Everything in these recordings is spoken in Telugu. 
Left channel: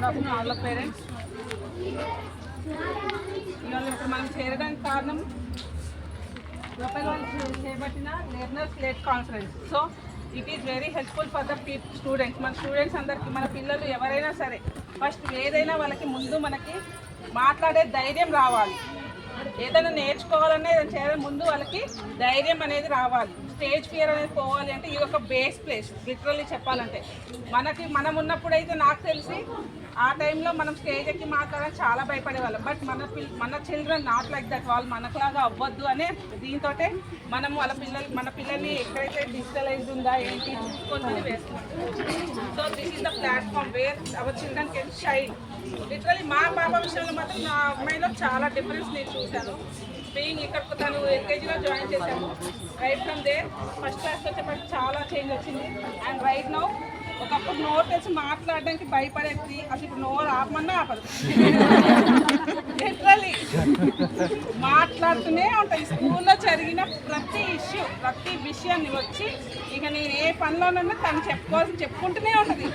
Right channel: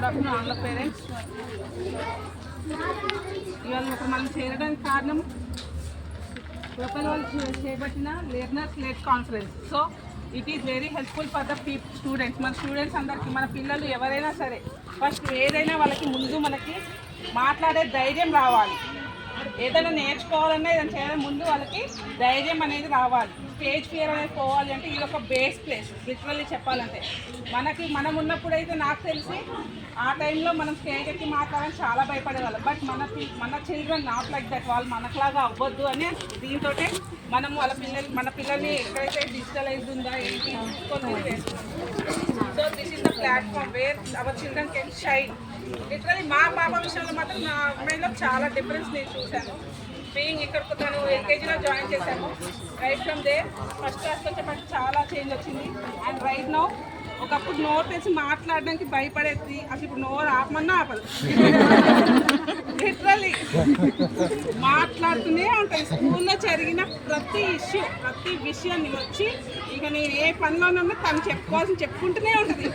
Good afternoon all parents. ఇవాళ ఇప్పుడు మనం చేరడానికి కారణం ప్రొఫైల్ వాళ్ళు చేపట్టిన learners let conference. So it is very helpful for the students. మన స్టూడెంట్స్ అందరికీ, మన పిల్లలు ఎవరైనా సరే ఫస్ట్ ఏదైనా వాళ్ళకి ముందు మనకి మాట్లాడే ధైర్యం రావాలి. ఏదైనా నేర్చుకోవాలన్నా ఏదైనా చేయాలని ముందు వాళ్ళకి ధైర్యం అనేది రావాలి. స్టేజ్ ఫియర్ అనేది పోవాలి అంటే ఇది ఒక బేస్ ప్లేస్ లిటరల్లీ చెప్పాలంటే. మనం ఉన్నప్పుడైతే నాకు తెలిసి ఆ టైంలో మనం స్టేజ్ ఎక్కి మాట్లాడాలని చాలా భయపడేవాళ్ళం. బట్ మన చిల్డ్రన్ నాట్ లైక్ దట్. వాళ్ళు మనకులాగా అవ్వద్దు అనే దీంతో మనం మన పిల్లల్ని ఎక్కడైతే డిజిటలైజ్ ఉందా ఏంటి చూసుకొని వేస్తున్నాం. So this is the platform where our children can shine. Literally మా పాప విషయంలో మాత్రం నా అమ్మాయిలో చాలా డిఫరెన్స్ నేను చూశాను. బీయింగ్ ఇక్కడ తను ఎల్కేజీలో జాయిన్ చేశాము. Right from there first class వచ్చేప్పటికి చాలా చేంజ్ వచ్చింది. అండ్ రైట్ నౌ ఒకప్పుడు నోరు తెచ్చి మాట్లాడడానికి భయపడేది, అసలు ఇప్పుడు నోరు ఆపమన్నా ఆపదు. లిటరలీ మాట్లాడుతూనే ఉంటాయి. స్కూల్లో జరిగిన ప్రతి విషయాన్ని వచ్చి ఇక నేను ఏ పనిలోనన్నా తను చెప్పుకుంటూనే ఉంటుంది.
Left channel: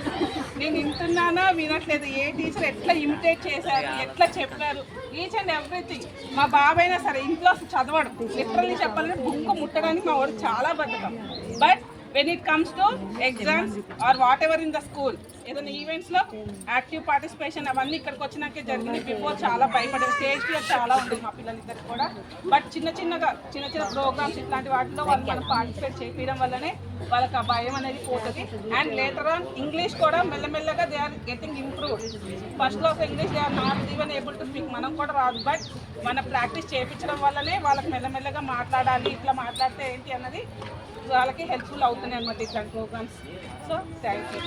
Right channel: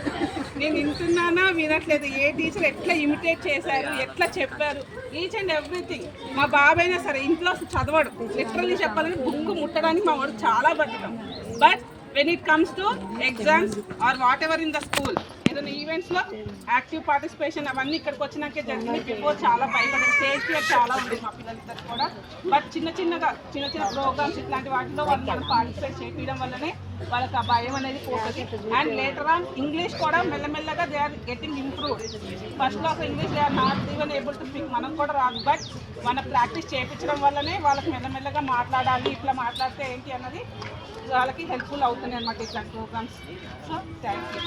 నేను వింటున్నానా వినట్లేదు, ఏ టీచర్ ఎట్లా ఇమిటేట్ చేశారు, ఎట్లా చెప్పారు, ఈచ్ అండ్ ఎవ్రీథింగ్. మా బాబైనా సరే ఇంట్లో చదవడు. లిటరల్లీ చెప్పాలంటే బుక్ ముట్టడానికి మా వాడు చాలా బద్ధకం. But when it comes to exams or whatever in the school, ఏదైనా ఈవెంట్స్లో యాక్టివ్ పార్టిసిపేషన్ అవన్నీ ఇక్కడికి వచ్చినాకే జరిగింది. బిఫోర్ చాలా భయపడే స్టేజ్ ఫియర్ చాలా ఉంది మా పిల్లలిద్దరు కూడా. బట్ చిన్న ప్రోగ్రామ్స్ ఇట్లాంటి వాటిలో వాళ్ళు పార్టిసిపేట్ చేయడం వల్లనే వాళ్ళకి ఆ భయం అనేది పోతుంది. అండ్ లేటర్ ఆన్ ఇంగ్లీష్ కూడా మెల్లమెల్లగా దే ఆర్ గెటింగ్ ఇంప్రూవ్. ఫస్ట్లో ఒక English they are not even able to speak, మనం కూడా రాదు. బట్ మన ప్రాక్టీస్ చేయించడం వల్లనే వాళ్ళకి మెల్లమెల్లగా మాట్లాడాలి, ఇట్లా మాట్లాడితే ఏంటి అన్నది వాళ్ళకి హెల్ప్ఫుల్ అవుతుంది అన్నమాట ఇట్లాంటి ప్రోగ్రామ్స్. So thank you.